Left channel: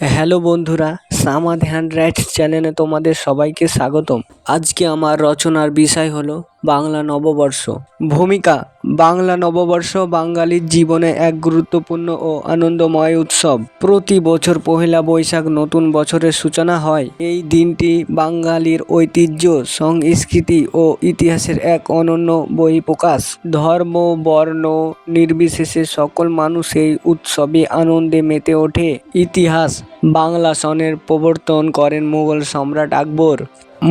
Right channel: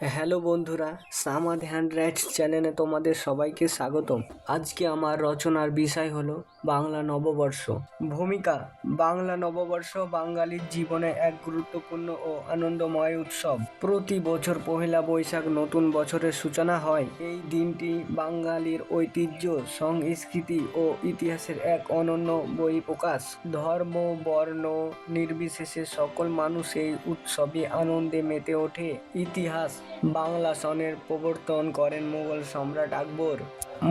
Hello বন্ধুরা, Samad hand rights চ্যানেলে তোমাদের সবাইকে স্বাগতম। আজকে আমার রচনার বিষয় হলো বাংলা নববর্ষ। ভূমিকা: বাংলা নববর্ষ বাঙালির জীবনে এক গুরুত্বপূর্ণ ও আনন্দময় উৎসব। প্রতি বছর পহেলা বৈশাখ নতুন বছরের সূচনা হয়। এই দিনটি বাঙালির ঐতিহ্য, সংস্কৃতি ও ইতিহাসের এক অনন্য বহিঃপ্রকাশ। ধর্ম, বর্ণ নির্বিশেষে সকল মানুষ এই উৎসবে আনন্দে মেতে ওঠে। ইতিহাস: বাংলা সনের প্রবর্তন করেন মুঘল সম্রাট আকবর।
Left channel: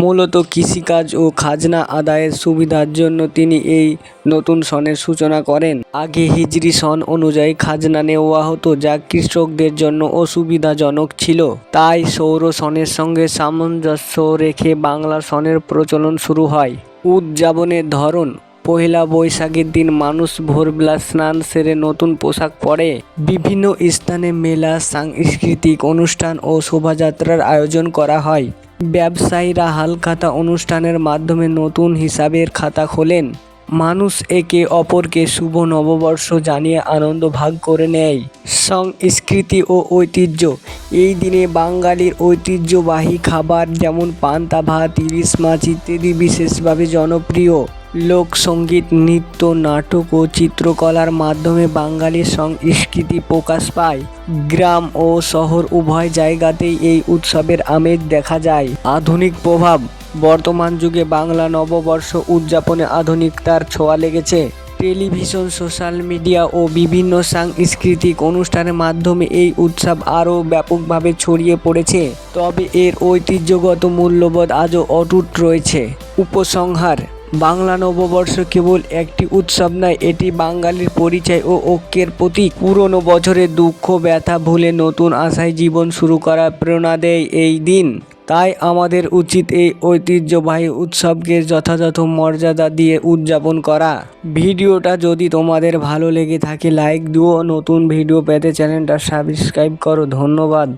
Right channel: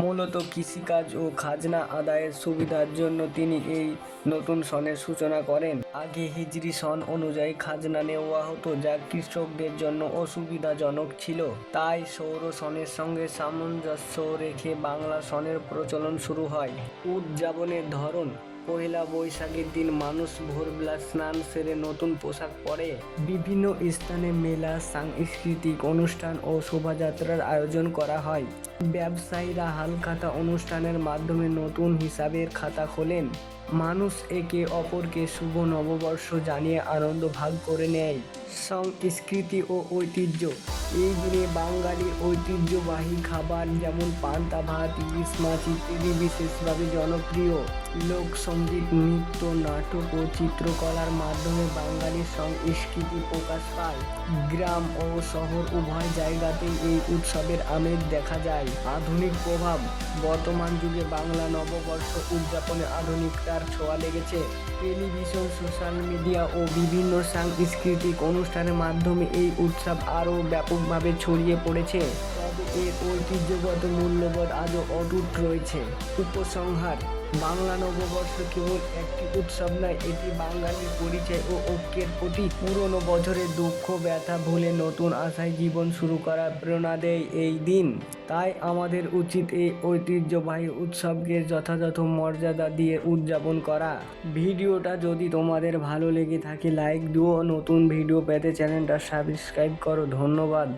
মূলত কৃষিকাজ ও খাজনা আদায়ের সুবিধার জন্য তিনি এই নতুন সনের সূচনা করেন। আগে হিজরি সন অনুযায়ী খাজনা নেওয়া হতো, যা কৃষকদের জন্য অসুবিধাজনক ছিল। তাই সৌর সনের সঙ্গে সামঞ্জস্য রেখে বাংলা সনের প্রচলন শুরু হয়। উদযাপনের ধরন: পহেলা বৈশাখের দিন মানুষ ভোরবেলা স্নান সেরে নতুন পোশাক পরে। বিভিন্ন স্থানে মেলা, সাংস্কৃতিক অনুষ্ঠান ও শোভাযাত্রার আয়োজন করা হয়। ব্যবসায়ীরা হালখাতা অনুষ্ঠানের মাধ্যমে নতুন হিসাবের খাতা খোলেন। মানুষ একে অপরকে শুভ নববর্ষ জানিয়ে আনন্দ ভাগ করে নেয়। সংস্কৃতি ও ঐতিহ্য: এই দিনে বাঙালির ঐতিহ্যবাহী খাবার যেমন পান্তা ভাত, ইলিশ মাছ ইত্যাদি বিশেষভাবে জনপ্রিয়। লোকসঙ্গীত, নৃত্য, নাটক ও চিত্রকলার মাধ্যমে বাঙালির সংস্কৃতি প্রকাশ পায়। গ্রাম ও শহর উভয় জায়গাতেই এই উৎসবের আমেজ দেখা যায়। আধুনিক প্রভাব: বর্তমান যুগে বাংলা নববর্ষ উদযাপনে আধুনিকতার ছোঁয়া লেগেছে। টেলিভিশন, সোশ্যাল মিডিয়া ও বিভিন্ন সাংস্কৃতিক অনুষ্ঠানের মাধ্যমে এই উৎসব আরও ব্যাপকভাবে ছড়িয়ে পড়েছে। তবে এর ঐতিহ্যগত মূল্যবোধ আজও অটুট রয়েছে। উপসংহার: বাংলা নববর্ষ কেবল একটি উৎসব নয়, এটি বাঙালির পরিচয় ও ঐক্যের প্রতীক। পুরনো বছরের দুঃখ ব্যথা ভুলে নতুন আশায় জীবন শুরু করার প্রেরণা দেয় এই দিন। তাই আমাদের উচিত এই ঐতিহ্যবাহী উৎসবকে যথাযথ মর্যাদা দিয়ে উদযাপন করা। ভিডিওটা যদি তোমাদের ভালো লেগে থাকে লাইক দিও, নতুন ভিডিও পেতে চ্যানেলটা সাবস্ক্রাইব করো। ধন্যবাদ।